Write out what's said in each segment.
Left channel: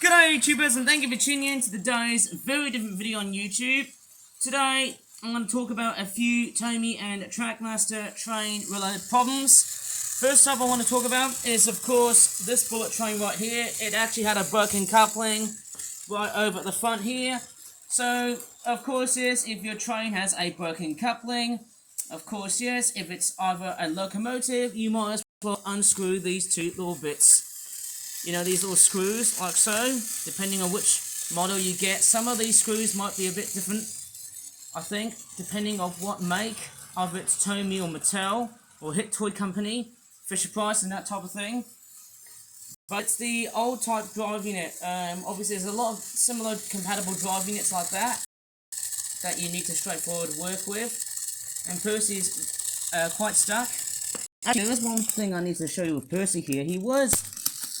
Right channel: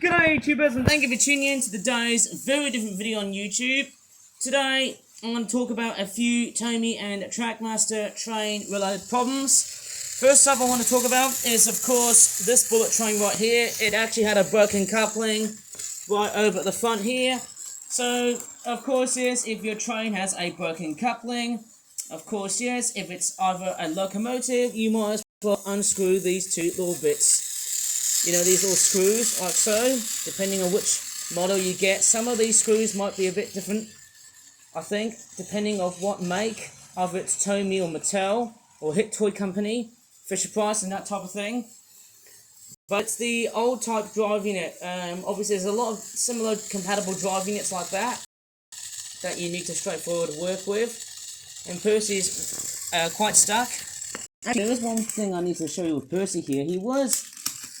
G'day YouTubers, and thank you for tuning in to today's very different video on YouTube. Today I'm going to talk about a few Tomy and Trackmaster train related problems. First up I want to talk about is of course this bullet train right here. It actually had a broken coupling right over at the front here. So of course yes, if your train has a broken coupling, of course yes, if it's either a locomotive, you might as well unscrew these two little bits. You know, these little screws, like so, depending on which model you get. Some of these screws might be a bit different, I think, depending on what make, either it's Tomy or Mattel, or Hit Toy Company, Fisher-Price and that type of thing. But it's the old type drive unit. Obviously there's a lot of similar compatible drive units like that you need to straightforward work with. And Percy's quite stuck. Actually, there was one thing I need to show you with Percy here. He was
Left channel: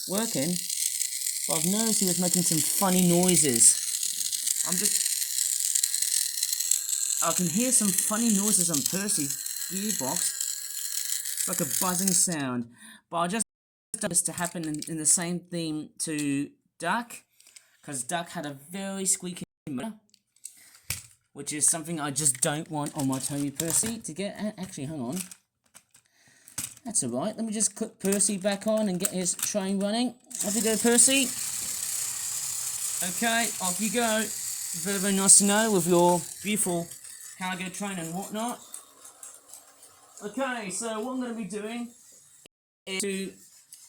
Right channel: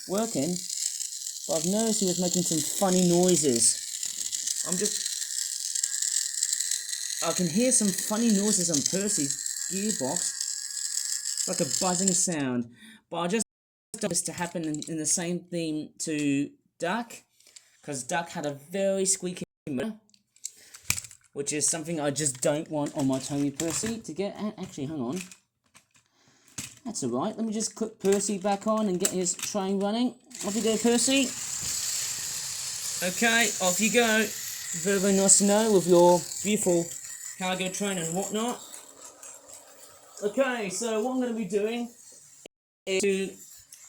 working, but I've noticed he was making some funny noises. I can hear some funny noises on Percy's gearbox. It's like a buzzing sound. But I just want this to happen in the same theme to Duck, because Duck had a very squeaky motor, which is something I just don't want on my Tomy Percy to get. Actually, hang on. That's alright, let me just put Percy back on and get his train running. Off you go, Percy. Okay, off you go. Very, very nice to know with your beautiful cargo train and whatnot. Okay, so what I'm going to be doing is to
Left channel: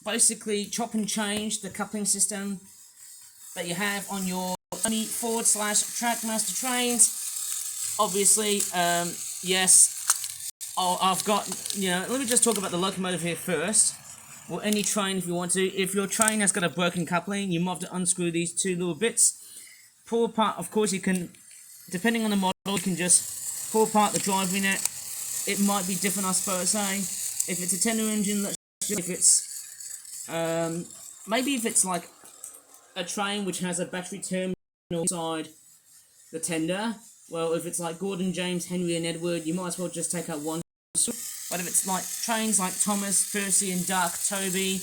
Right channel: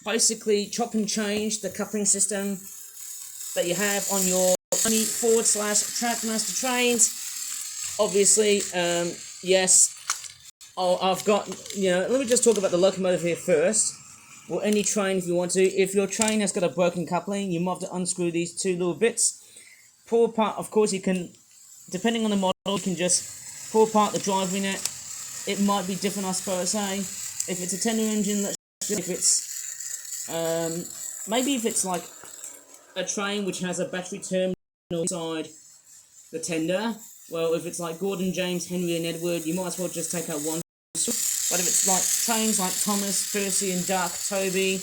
basically chop and change the coupling system that you have on your /Trackmaster trains. Obviously, yes. I've got, let me just talk about the locomotive here first, or any train if you want to. If your train has got a broken coupling, you might have to unscrew these two little bits. Pull apart, of course you can, depending on the model, you can just pull apart the drive unit. It might be different, I suppose, if it's a tender engine, if it's, maybe if it's like a train which has a battery terminal inside the tender. Well, if it's like Gordon, James, Henry and Edward, you might as well just take out one. But if it's like trains like Thomas, Percy and Duck, Toby,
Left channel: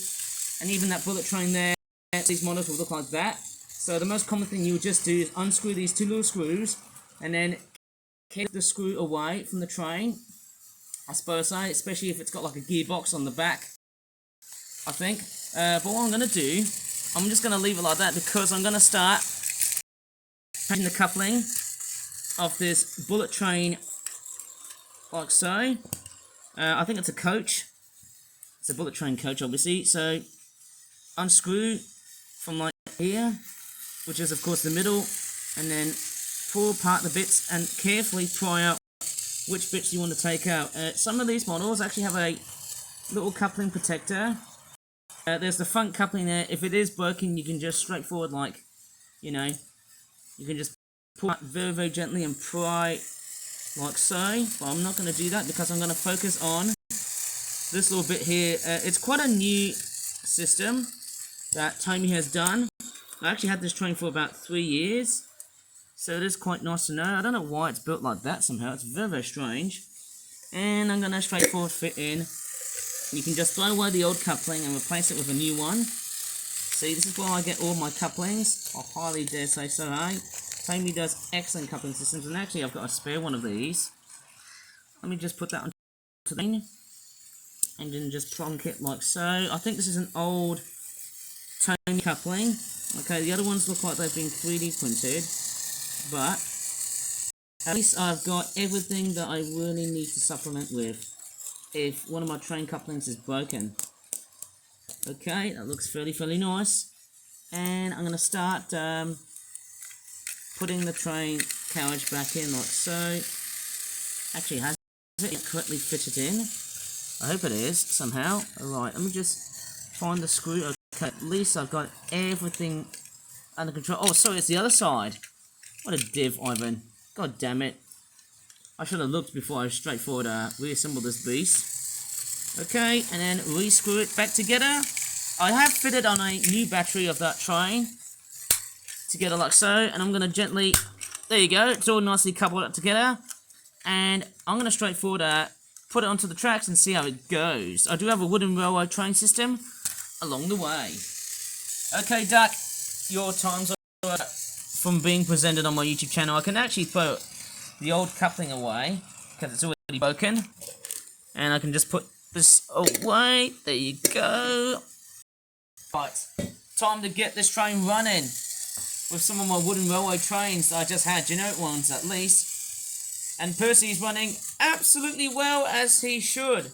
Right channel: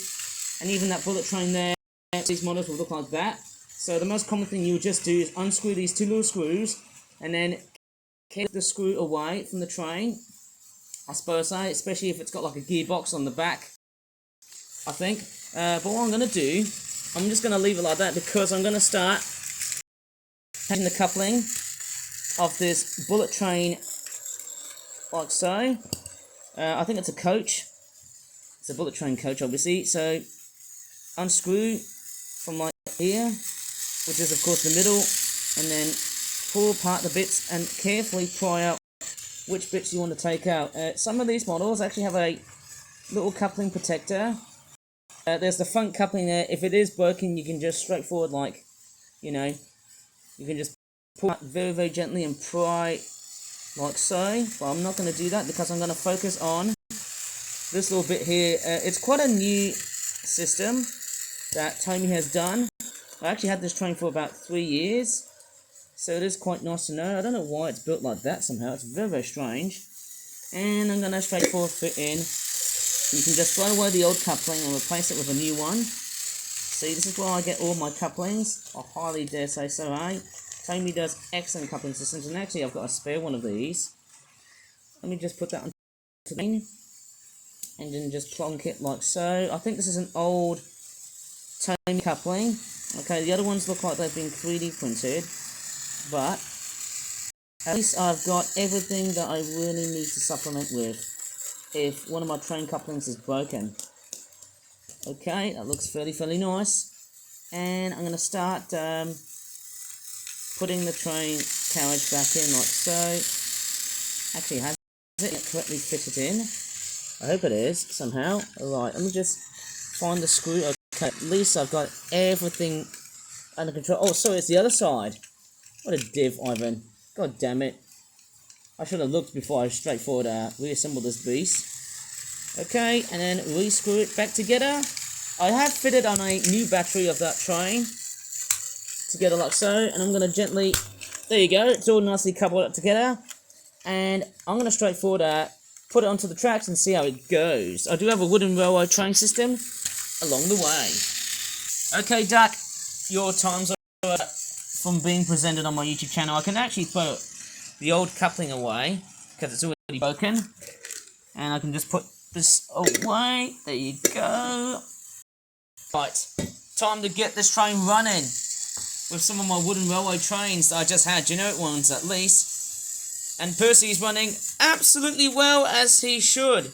and even that bullet train there, these models will look like that. So the most common thing you would just do is unscrew these two little screws, and then keep the screw away from the train, I suppose, especially if it's got like a gearbox on the back, I think. But what I'm going to do, I'm just going to leave it like that because I'm going to start changing the coupling of this bullet train like so. I think it's a coach. It's a bullet train coach, obviously. So unscrew from like here, which is of course the middle, and then pull apart the bits and carefully pry out which bits you want to take out. Some of these models actually have a little coupling protector. There's the front coupling there. If it is broken, you can just straightforward, like, you can just pull out very, very gently and pry like so. But I'm not going to do that because I'm going to focus on this little bit here. It's quite a new system that Tomy has done. I actually had this train for about 3 years, so it is quite nice to know. I don't know why it's built like that somehow. It's very, very strange. And I'm going to straightforward fit in. You can just throw away the old coupling and replace it with a new one. See, this is where I get all my couplings. I highly dare say so, Tomy does excellent coupling systems, and actually I've got a spare one of these. Let me just put that on the thing, and then just plonk it like so. I think this is an old Tomy coupling. Okay, the other ones look like they've been 3D printed, but at least I've got everything that I really need to supplement with if one of my train couplings is broken. Okay, that looks fairly nice, and I'm going to start putting the train carriage back in like so. Actually, has it correctly fitted in? I hope it is, somehow. Alright, let me just find the screw. Okay, at least I've got everything under control. Oh, sorry, it's the other side. What a div, Ivan. God damn it. I should have looked before I straightforward reassemble this beast. Okay, and then re-screw it back together. I have fitted on a new battery of that train together like so, and I'm going to gently, there you go, it's all nicely coupled together, and I'm going to straightforward put it onto the tracks and see how it goes. I do have a wooden railway train system along the way. Okay, Duck, your times from being presented on my YouTube channel, I can actually put the old coupling away because it's already broken, and I can just put this away. There you go. Right, time to get this train running with some of my wooden railway trains that I just had, generic ones at least. And Percy is running absolutely well, as he should.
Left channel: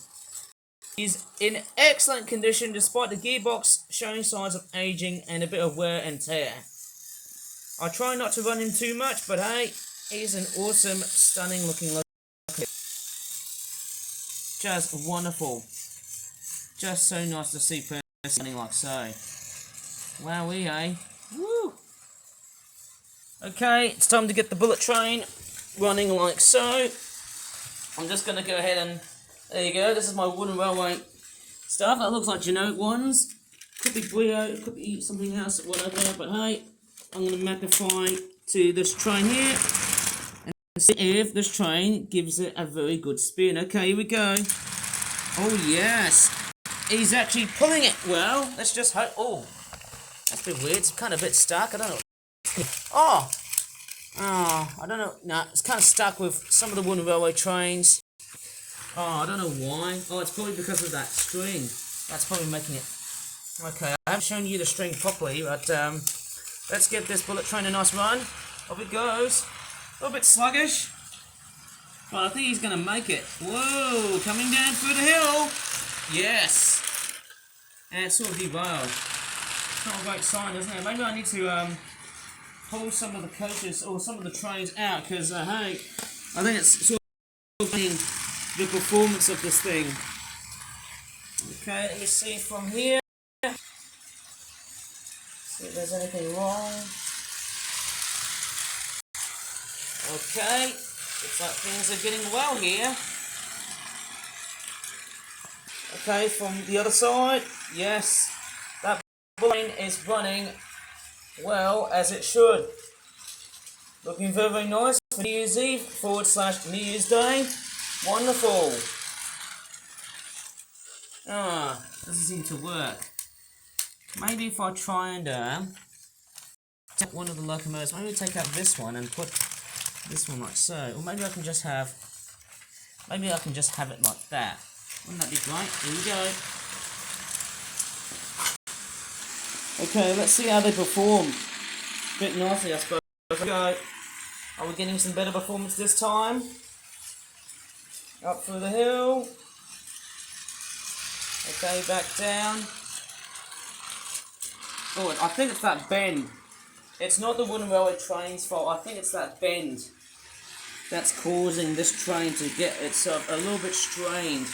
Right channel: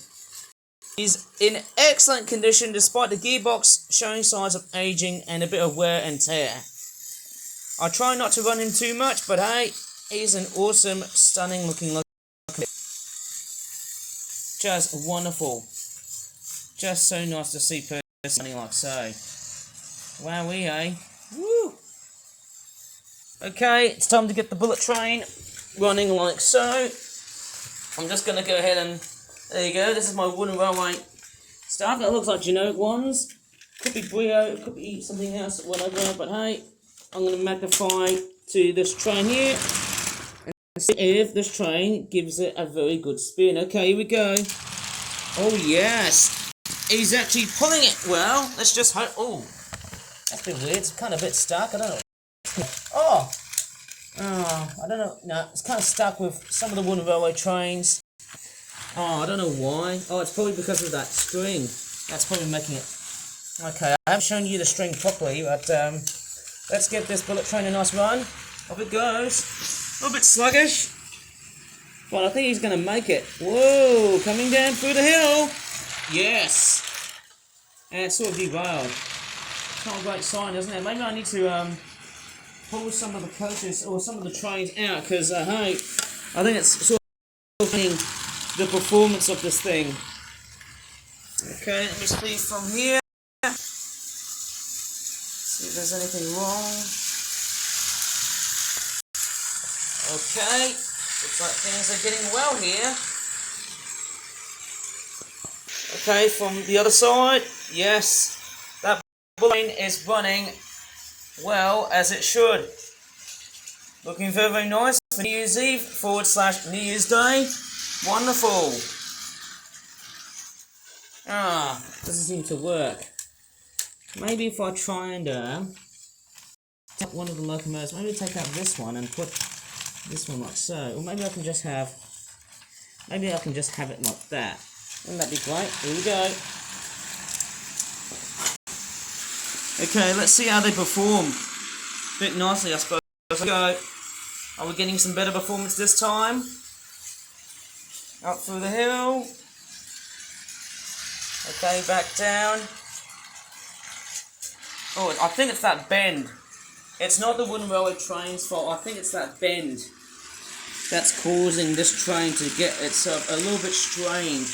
He's in excellent condition despite the gearbox showing signs of aging and a bit of wear and tear. I try not to run him too much, but hey, he's an awesome, stunning looking locomotive. Just wonderful. Just so nice to see Percy running like so. Wowee, eh? Woo! Okay, it's time to get the bullet train running like so. I'm just going to go ahead and... There you go, this is my wooden railway stuff. That looks like generic ones. Could be Brio, could be something else, whatever. But hey, I'm going to magnify to this train here. And see if this train gives it a very good spin. Okay, here we go. Oh yes. He's actually pulling it well. Let's just hope... Oh, that's a bit weird. It's kind of a bit stuck. I don't know. Oh, I don't know. No, it's kind of stuck with some of the wooden railway trains. Oh, I don't know why. Oh, it's probably because of that string. That's probably making it... Okay, I haven't shown you the string properly, but let's get this bullet train a nice run. Off it goes. A little bit sluggish, but I think he's going to make it. Whoa, coming down through the hill. Yes. And it's sort of derailed. Not a great sign, isn't it? Maybe I need to pull some of the coaches or some of the trains out, because hey, I think it's sort of the performance of this thing. Okay, let me see from here. See if there's anything wrong. Okay, looks like things are getting well here. Okay, from the other side, yes, that train is running well as it should. Looking very, very nice for New Year's Eve / New Year's Day. Wonderful. Doesn't seem to work. Maybe if I try and take one of the locomotives, maybe take out this one and put this one like so. Or maybe I can just have it like that. Wouldn't that be great? Here we go. Okay, let's see how they perform. A bit nicely, I suppose. Here we go. Are we getting some better performance this time? Up through the hill. Okay, back down. Oh, I think it's that bend. It's not the wooden railway train's fault. I think it's that bend that's causing this train to get itself a little bit strained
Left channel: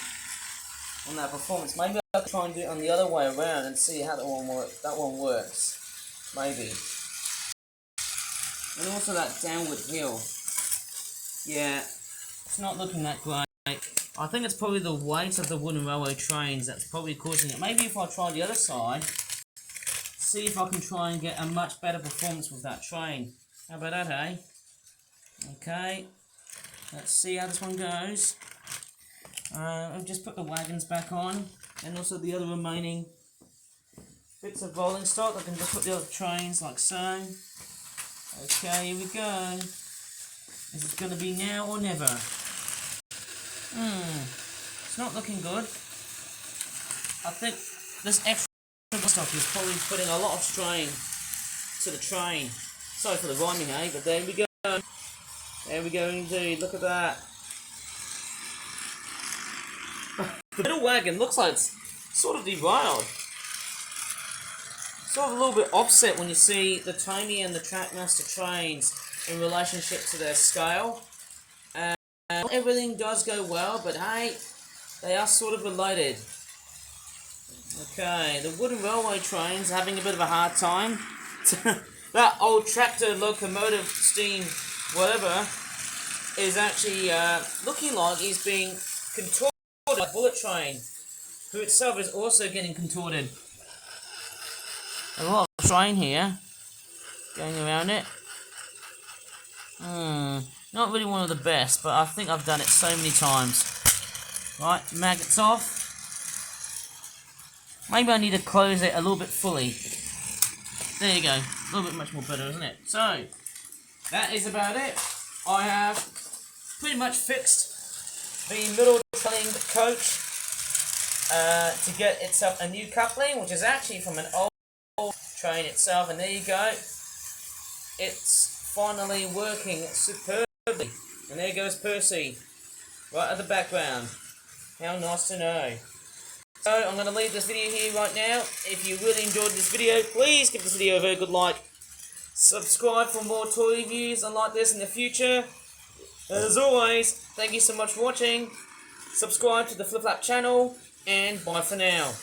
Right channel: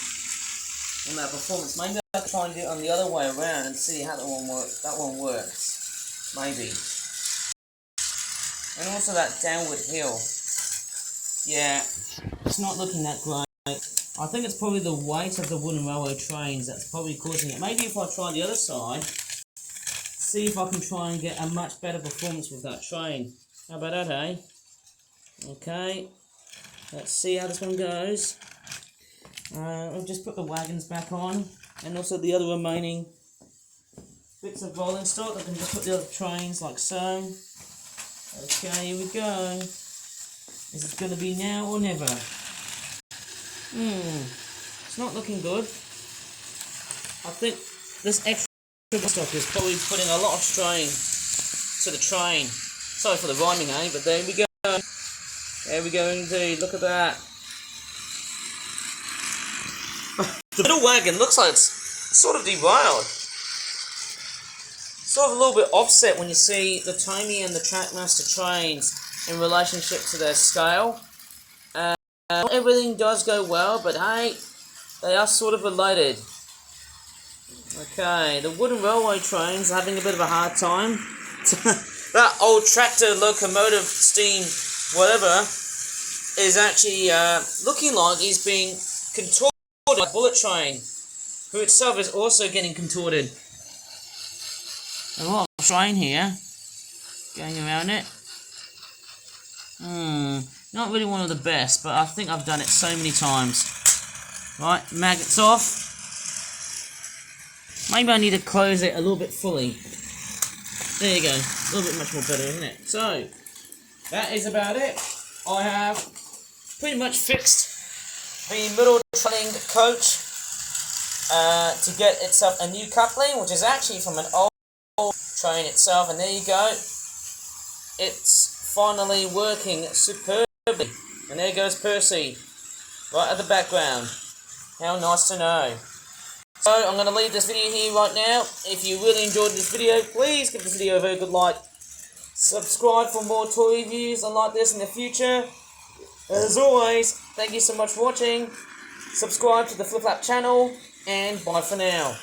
on that performance. Maybe I'll try and do it on the other way around and see how that one works. Maybe. And also that downward hill. Yeah, it's not looking that great. I think it's probably the weight of the wooden railway trains that's probably causing it. Maybe if I try the other side, see if I can try and get a much better performance with that train. How about that, eh? Okay, let's see how this one goes. I've just put the wagons back on, and also the other remaining bits of rolling stock. I can just put the other trains like so. Okay, here we go. Is it going to be now or never? It's not looking good. I think this extra stock is probably putting a lot of strain to the train. Sorry for the rhyming, eh? But there we go. There we go indeed. Look at that. The middle wagon looks like it's sort of derailed. Sort of a little bit offset when you see the Tony and the Trackmaster trains in relationship to their scale. Everything does go well, but hey, they are sort of related. Okay, the wooden railway train's having a bit of a hard time. That old tractor, locomotive, steam, whatever, is actually looking like he's being contorted by a bullet train, who itself is also getting contorted. A lot of train here going around it. Not really one of the best, but I think I've done it so many times. Right, magnets off. Maybe I need to close it a little bit fully. There you go. A little bit much more better, isn't it? So, that is about it. I have pretty much fixed the middle trailing coach to get itself a new coupling, which is actually from an old train itself. And there you go. It's finally working superbly. And there goes Percy, right at the background. How nice to know. So I'm going to leave this video here right now. If you really enjoyed this video, please give this video a very good like. Subscribe for more toy reviews like this in the future. As always, thank you so much for watching. Subscribe to the Flip Flap channel, and bye for now.